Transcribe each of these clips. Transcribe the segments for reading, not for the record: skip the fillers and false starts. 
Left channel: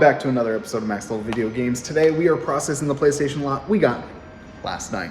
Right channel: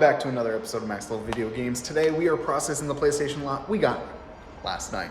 Back to another episode of Max Level Video Games. Today we are processing the PlayStation lot we got last night.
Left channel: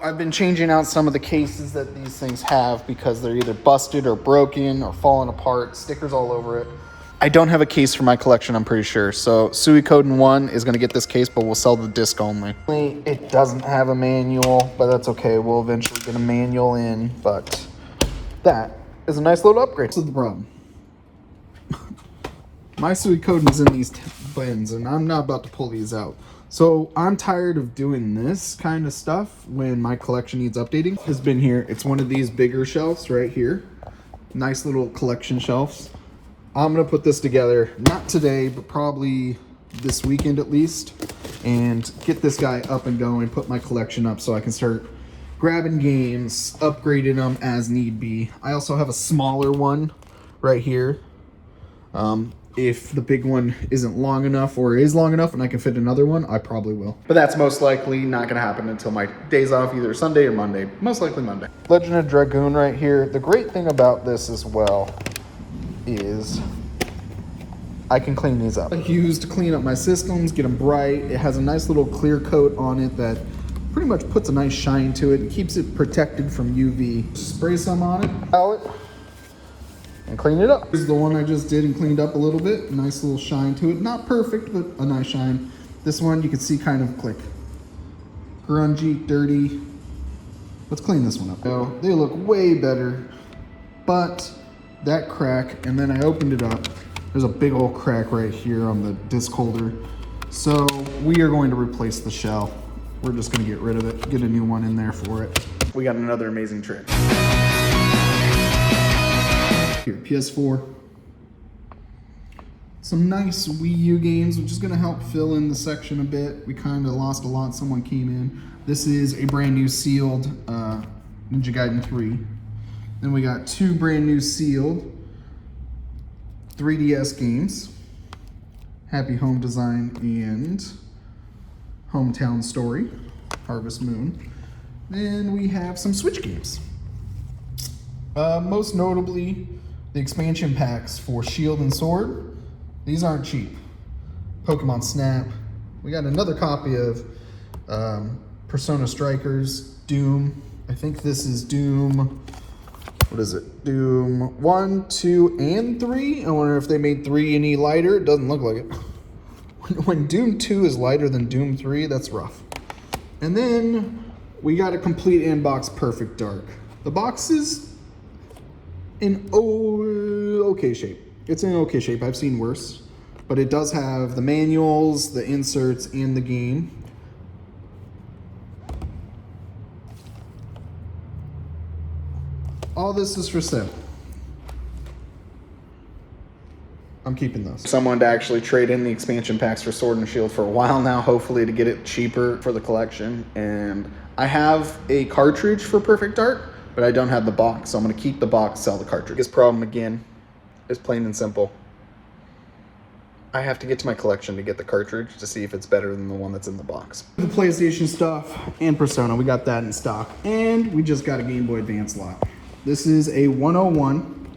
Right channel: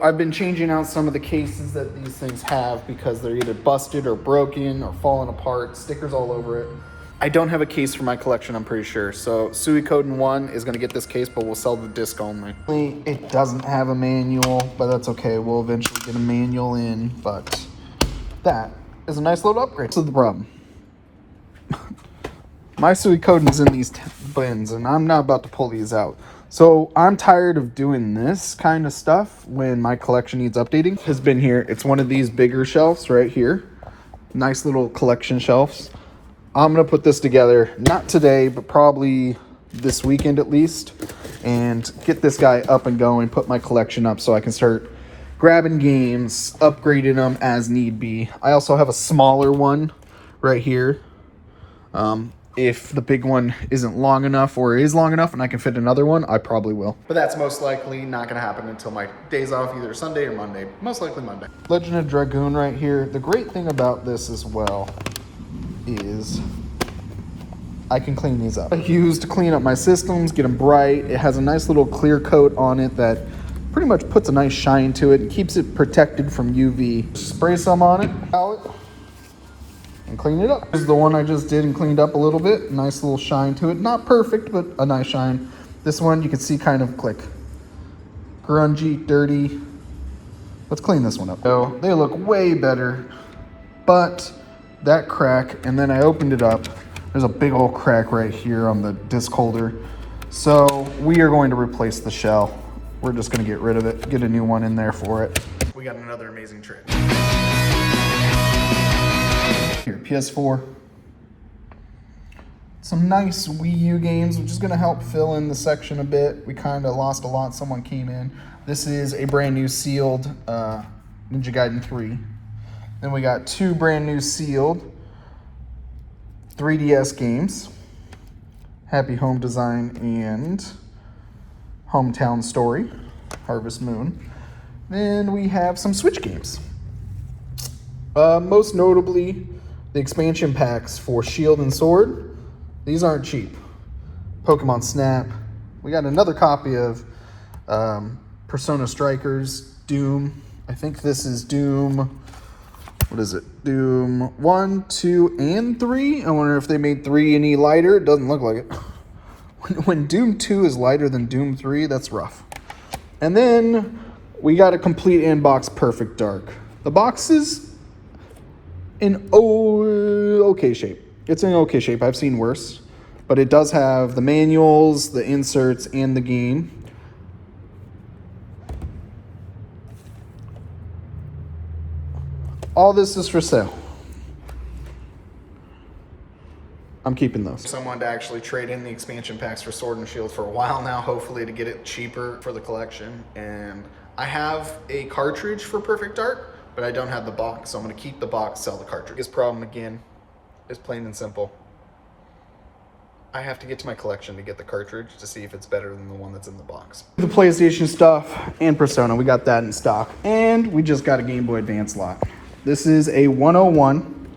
I've been changing out some of the cases that these things have because they're either busted or broken or falling apart, stickers all over it. I don't have a case for my collection, I'm pretty sure. So Suikoden 1 is going to get this case, but we'll sell the disc only. It doesn't have a manual, but that's okay. We'll eventually get a manual in, but that is a nice little upgrade. So the problem. My Suikoden's in these bins, and I'm not about to pull these out. So I'm tired of doing this kind of stuff when my collection needs updating. Has been here. It's one of these bigger shelves right here. Nice little collection shelves. I'm going to put this together, not today, but probably this weekend at least, and get this guy up and going, put my collection up so I can start grabbing games, upgrading them as need be. I also have a smaller one right here. If the big one isn't long enough or is long enough and I can fit another one, I probably will. But that's most likely not going to happen until my days off, either Sunday or Monday. Most likely Monday. Legend of Dragoon right here. The great thing about this as well is I can clean these up. I use to clean up my systems, get them bright. It has a nice little clear coat on it that pretty much puts a nice shine to it and keeps it protected from UV. Spray some on it, palette, and clean it up. This is the one I just did and cleaned up a little bit. Nice little shine to it. Not perfect, but a nice shine. This one you can see kind of like grungy, dirty. Let's clean this one up. So they look way better, but that crack, and then I opened it up. There's a big old crack right here on the disc holder. So we are going to replace the shell. We're just going to get rid of it, get a new one in there for it. We got another amazing trick. Here, PS4. Some nice Wii U games, which is going to help fill in the section a bit. We kind of lost a lot. Someone came in. This is a brand new sealed Ninja Gaiden 3. Then we got two brand new sealed 3DS games, Happy Home Design and Hometown Story, Harvest Moon. Then we have some Switch games. Most notably, the expansion packs for Shield and Sword. These aren't cheap. Pokemon Snap. We got another copy of Persona Strikers, Doom. I think this is Doom. What is it? Doom 1, 2, and 3? I wonder if they made 3 any lighter. It doesn't look like it. When Doom 2 is lighter than Doom 3, that's rough. And then we got a complete inbox Perfect Dark. The box is in okay shape. It's in okay shape. I've seen worse. But it does have the manuals, the inserts, and the game. All this is for sale. I'm keeping those. Someone to actually trade in the expansion packs for Sword and Shield for a while now, hopefully to get it cheaper for the collection. And I have a cartridge for Perfect Dark, but I don't have the box, so I'm going to keep the box, sell the cartridge. This problem, again, is plain and simple. I have to get to my collection to get the cartridge to see if it's better than the one that's in the box. The PlayStation stuff and Persona, we got that in stock. And we just got a Game Boy Advance lot. This is a 101.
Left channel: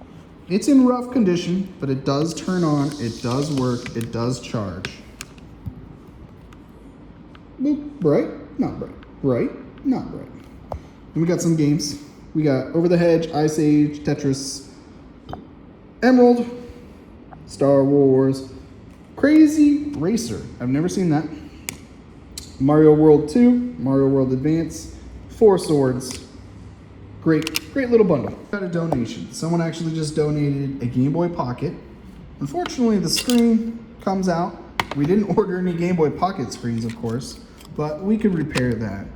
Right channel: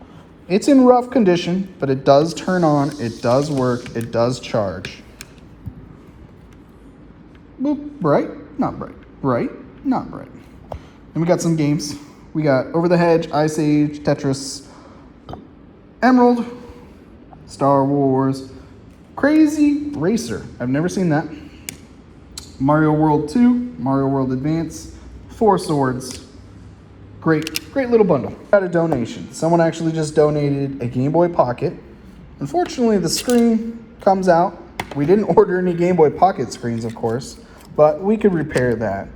It's in rough condition, but it does turn on, it does work, it does charge. Boop, bright, not bright, bright, not bright. And we got some games. We got Over the Hedge, Ice Age, Tetris, Emerald, Star Wars, Crazy Racer. I've never seen that. Mario World 2, Mario World Advance, Four Swords. Great little bundle. Got a donation. Someone actually just donated a Game Boy Pocket. Unfortunately, the screen comes out. We didn't order any Game Boy Pocket screens, of course, but we could repair that.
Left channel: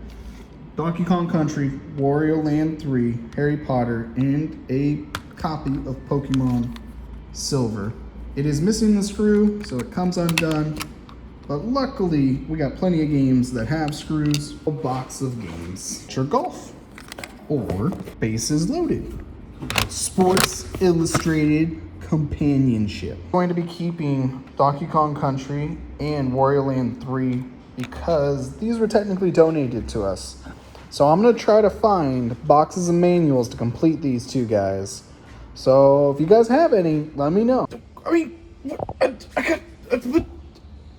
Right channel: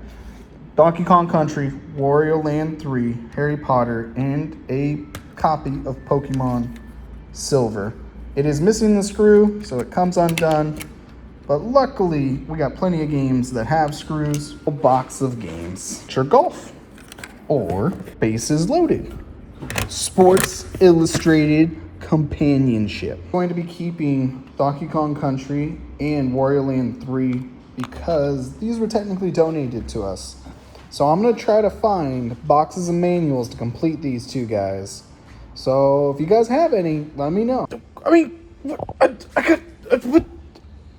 Donkey Kong Country, Wario Land 3, Harry Potter, and a copy of Pokemon Silver. It is missing the screw, so it comes undone. But luckily, we got plenty of games that have screws. A box of games. Sure, Golf. Or Bases Loaded. Sports Illustrated Companionship. I'm going to be keeping Donkey Kong Country and Wario Land 3 because these were technically donated to us. So I'm gonna try to find boxes of manuals to complete these two guys. So if you guys have any, let me know. I mean, I got, what?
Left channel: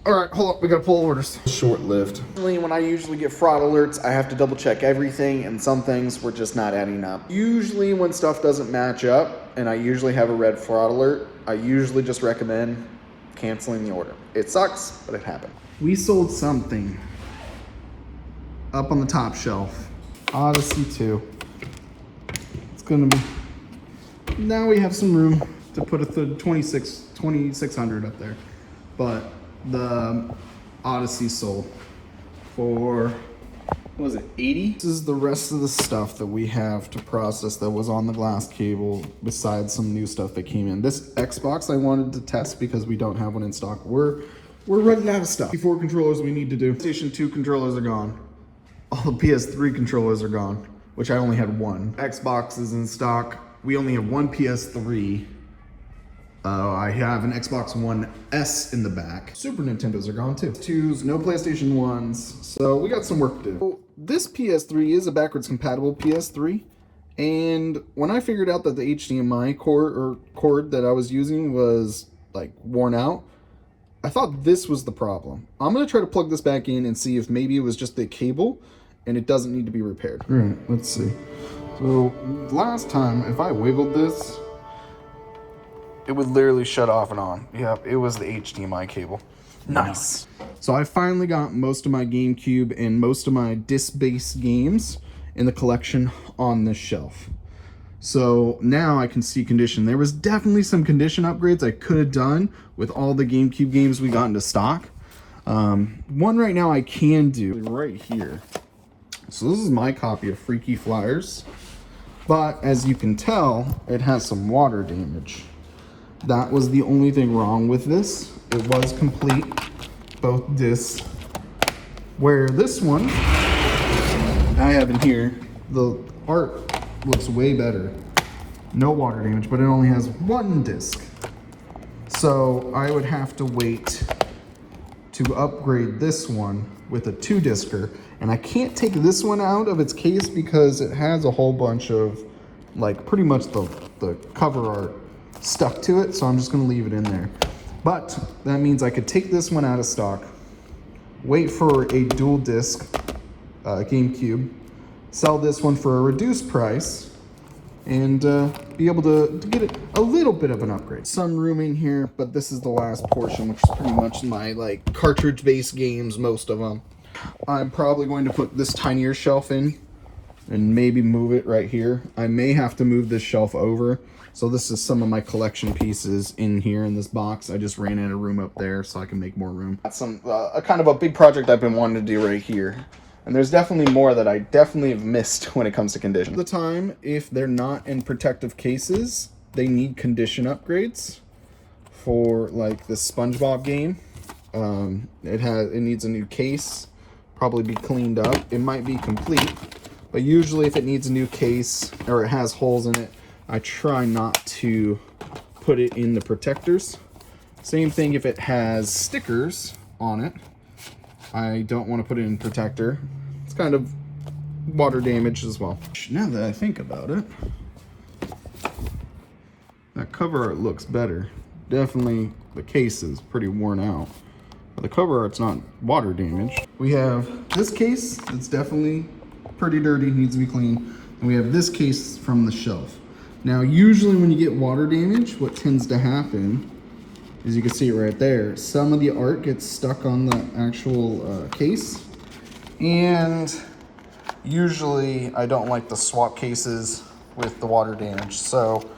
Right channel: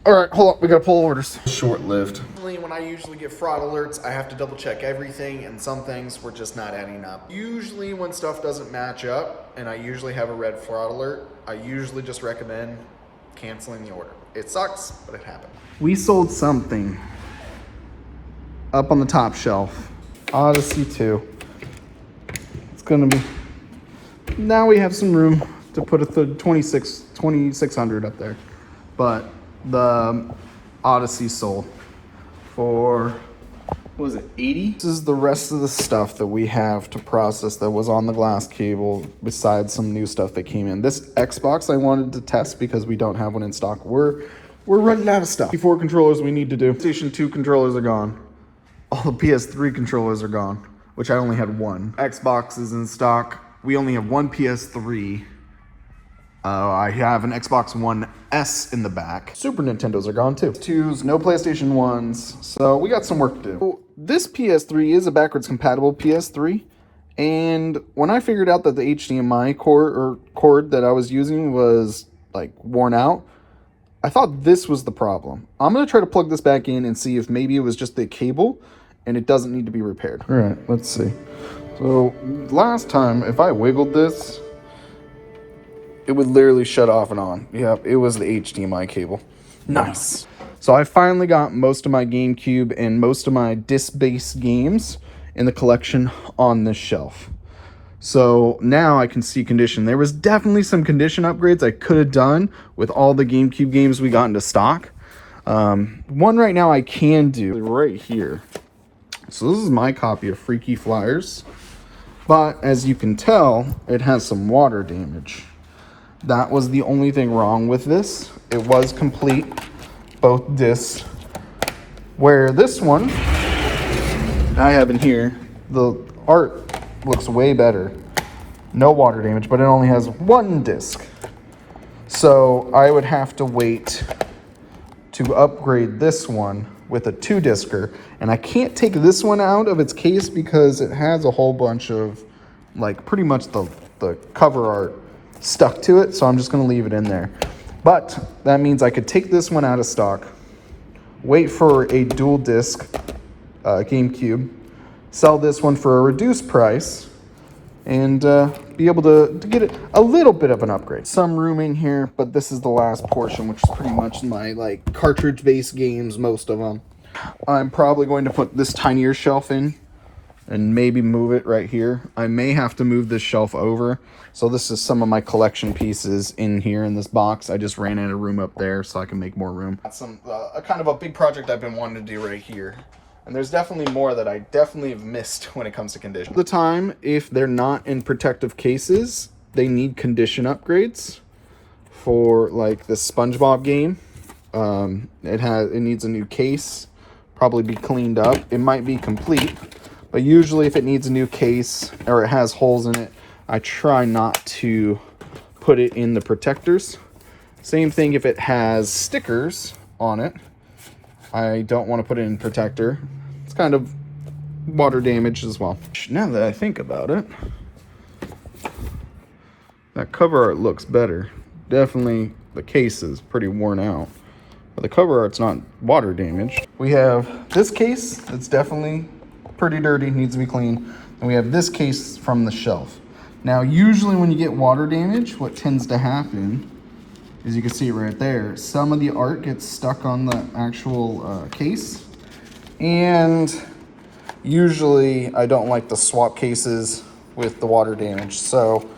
All right, hold up, we gotta pull orders. Short-lived. When I usually get fraud alerts, I have to double check everything, and some things were just not adding up. Usually when stuff doesn't match up, and I usually have a red fraud alert, I usually just recommend canceling the order. It sucks, but it happened. We sold something up on the top shelf. Odyssey 2. It's gonna be, now we have some room to put a 2600 up there. But the Odyssey sold for, what was it, 80? This is the rest of the stuff that we have to process that was on the glass cable, besides some new stuff that came in. This Xbox I wanted to test because we don't have one in stock. We're running out of stuff. 4 controllers we need to do. PlayStation 2 controllers are gone. All the PS3 controllers are gone, which I only had one. Xbox is in stock. We only have one PS3. I have an Xbox One S in the back. Super Nintendos are gone too. 2s, no PlayStation 1s, so we got some work to do. So this PS3 is a backwards compatible PS3, and when I figured out that the HDMI cord that I was using was like worn out, I thought this was the problem. I'm gonna try to plug this back in and see if maybe it was just the cable and it doesn't need to be repaired. All right, let's see. So last time, if I wiggled this, it would literally shut off and on. Yep, it was the HDMI cable. Nice. So I finally got most of my GameCube and most of my disc-based games in the collection on this shelf. So now I can see condition. There was definitely some condition upgrades I could have done with all the GameCube games we got into stock. One right now I can do right here. So this is my copy of Freaky Flyers. But as you can tell, it has some water damage. That was the only thing wrong with this. It was complete, both discs. Where this one, I have in here, the art looks way better. No water damage, but it only has one disc. So I would have to wait to upgrade this one with a 2-discer. And I can't take this one out of its case because it has a whole bunch of, like, pretty much the cover art stuck to it, so I'm just gonna leave it in there. But that means I could take this one out of stock, wait for a dual disc GameCube, sell this one for a reduced price, and be able to get it a little bit of an upgrade. Some room in here, but this is the last portion, which is pretty much my like cartridge-based games, most of them. I'm probably going to put this tinier shelf in and maybe move it right here. I may have to move this shelf over. So this is some of my collection pieces in here in this box. I just ran out of room up there so I can make more room. That's a kind of a big project I've been wanting to do right here. And there's definitely more that I definitely have missed when it comes to condition. The time, if they're not in protective cases, they need condition upgrades. For like the SpongeBob game, it needs a new case, probably be cleaned up. It might be complete, but usually if it needs a new case or it has holes in it, I try not to put it in the protectors. Same thing if it has stickers on it. I don't want to put it in protector. It's kind of water damage as well. Now that I think about it, that cover art looks better. Definitely the case is pretty worn out, but the cover art's not water damaged. We have this case that's definitely pretty dirty, needs to be cleaned. And we have this case from the shelf. Now, usually when you get water damage, what tends to happen is, you can see it right there, some of the art gets stuck on the actual case. And usually I don't like to swap cases with the water damage. So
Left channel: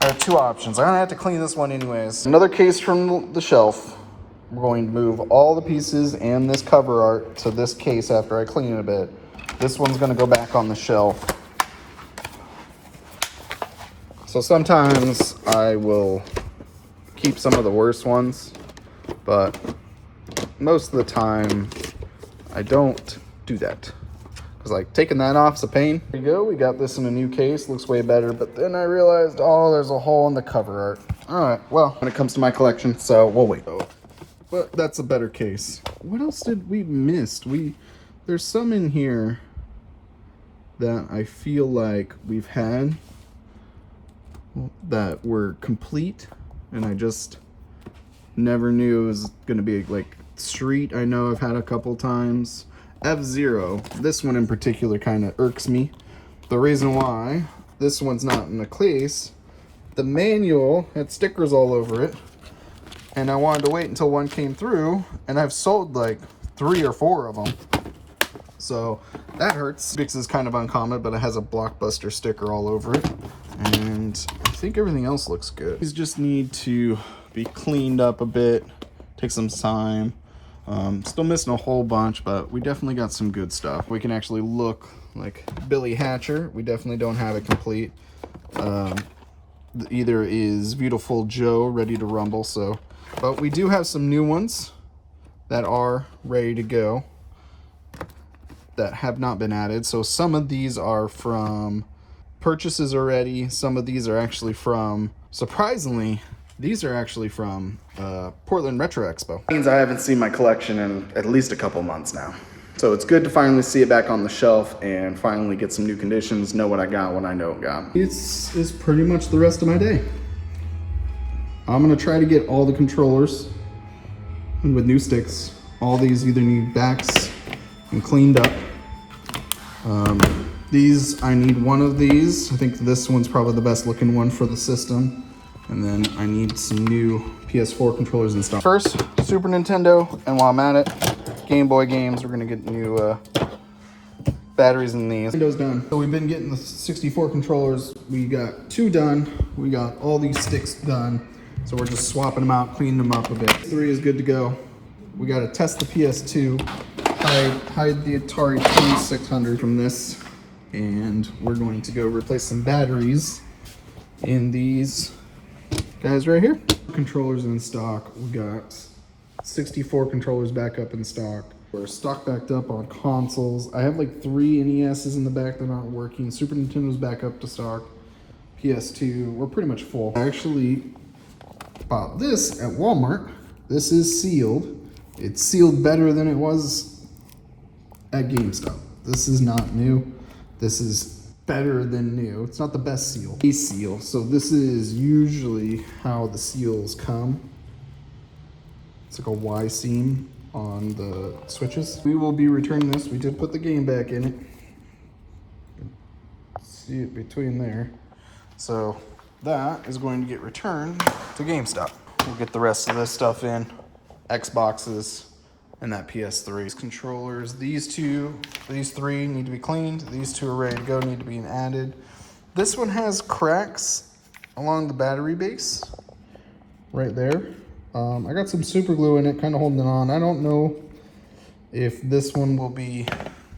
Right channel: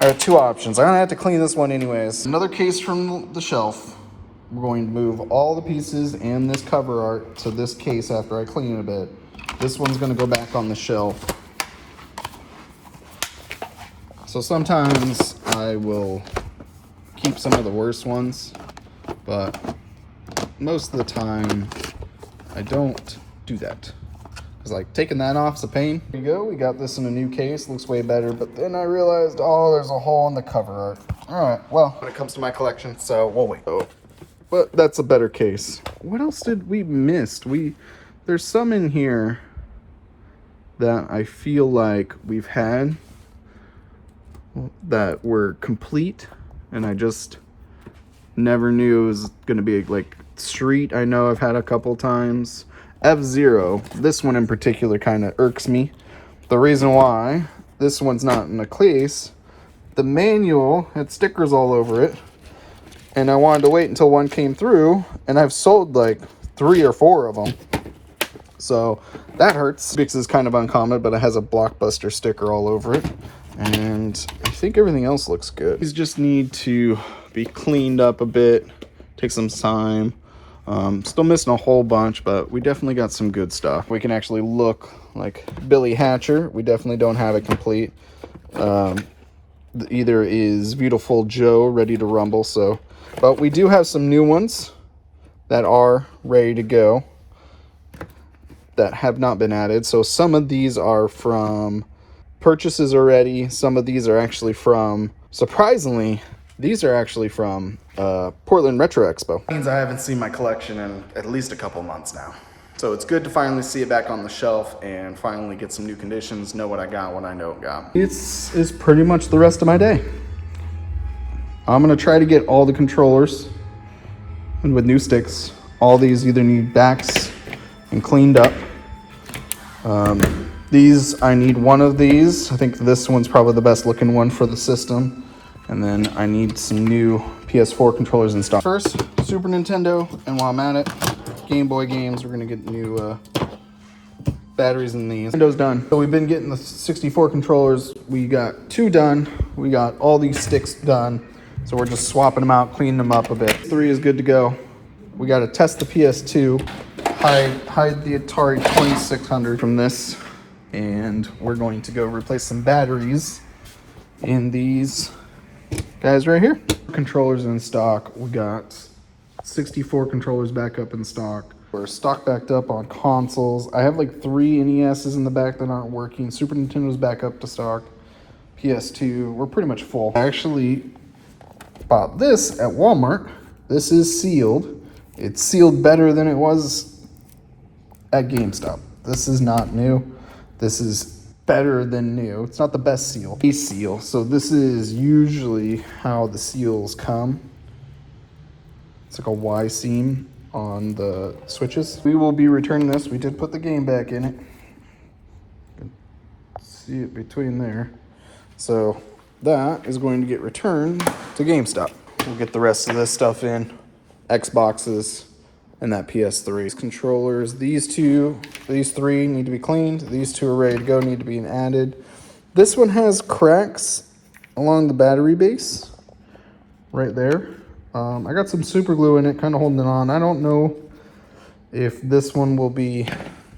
I have 2 options. I'm gonna have to clean this one anyways. Another case from the shelf. We're going to move all the pieces and this cover art to this case after I clean it a bit. This one's gonna go back on the shelf. So sometimes I will keep some of the worst ones, but most of the time I don't do that. Because like taking that off is a pain. There you go, we got this in a new case, looks way better, but then I realized, oh, there's a hole in the cover art. All right, well, when it comes to my collection, so we'll wait. So but that's a better case. What else did we miss? There's some in here that I feel like we've had that were complete, and I just never knew it was gonna be like Street. I know I've had a couple times. F-Zero, this one in particular kind of irks me. The reason why this one's not in a case, the manual had stickers all over it, and I wanted to wait until one came through, and I've sold like 3 or 4 of them. So that hurts. This is kind of uncommon, but it has a Blockbuster sticker all over it. And I think everything else looks good. These just need to be cleaned up a bit, take some time. Still missing a whole bunch, but we definitely got some good stuff. We can actually look like Billy Hatcher. We definitely don't have it complete. Either is Beautiful Joe ready to rumble, so, but we do have some new ones that are ready to go that have not been added. So some of these are from purchases already. Some of these are actually from, surprisingly, these are actually from Portland Retro Expo. It means I haven't seen my collection in at least a couple months now. So it's good to finally see it back on the shelf and finally get some new conditions, know what I got, what I don't got. It's pretty much the rest of my day. I'm gonna try to get all the controllers and with new sticks. All these either need backs and cleaned up. These, I need one of these. I think this one's probably the best looking one for the system. And then I need some new PS4 controllers in stock. First, Super Nintendo, and while I'm at it, Game Boy games. We're gonna get new batteries in these. Nintendo done. So we've been getting the 64 controllers. We got 2 done. We got all these sticks done. So we're just swapping them out, cleaning them up a bit. 3 is good to go. We gotta test the PS2, hide the Atari 2600 from this, and we're going to go replace some batteries in these guys right here. Controllers in stock. We got 64 controllers back up in stock. We're stock backed up on consoles. I have like 3 NESs in the back that aren't working. Super Nintendo's back up to stock. PS2, we're pretty much full. I actually bought this at Walmart. This is sealed. It's sealed better than it was at GameStop. This is not new. This is better than new. It's not the best seal. A seal. So this is usually how the seals come. It's like a Y seam on the switches. We will be returning this. We did put the game back in it. See it between there. So that is going to get returned to GameStop. We'll get the rest of this stuff in. Xboxes and that PS3. Controllers, these 3 need to be cleaned. These 2 are ready to go, need to be added. This one has cracks along the battery base right there. I got some super glue in it, kind of holding it on. I don't know if this one will be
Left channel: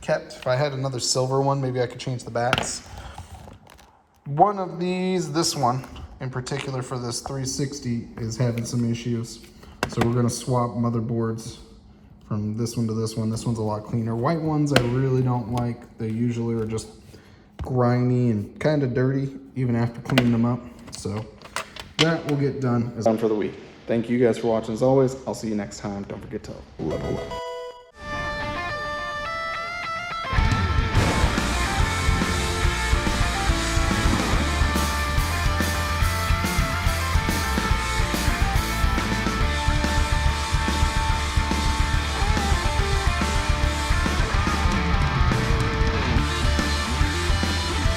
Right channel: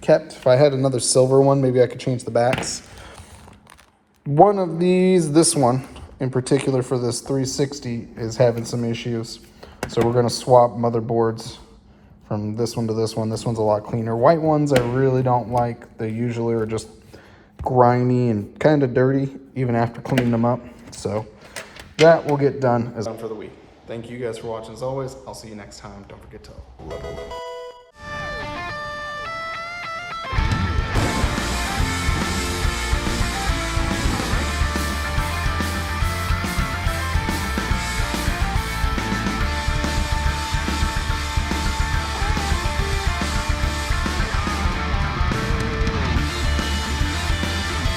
kept. If I had another silver one, maybe I could change the backs. One of these, this one in particular for this 360 is having some issues. So we're gonna swap motherboards from this one to this one. This one's a lot cleaner. White ones I really don't like. They usually are just grimy and kind of dirty even after cleaning them up. So that will get done for the week. Thank you guys for watching as always. I'll see you next time. Don't forget to level up.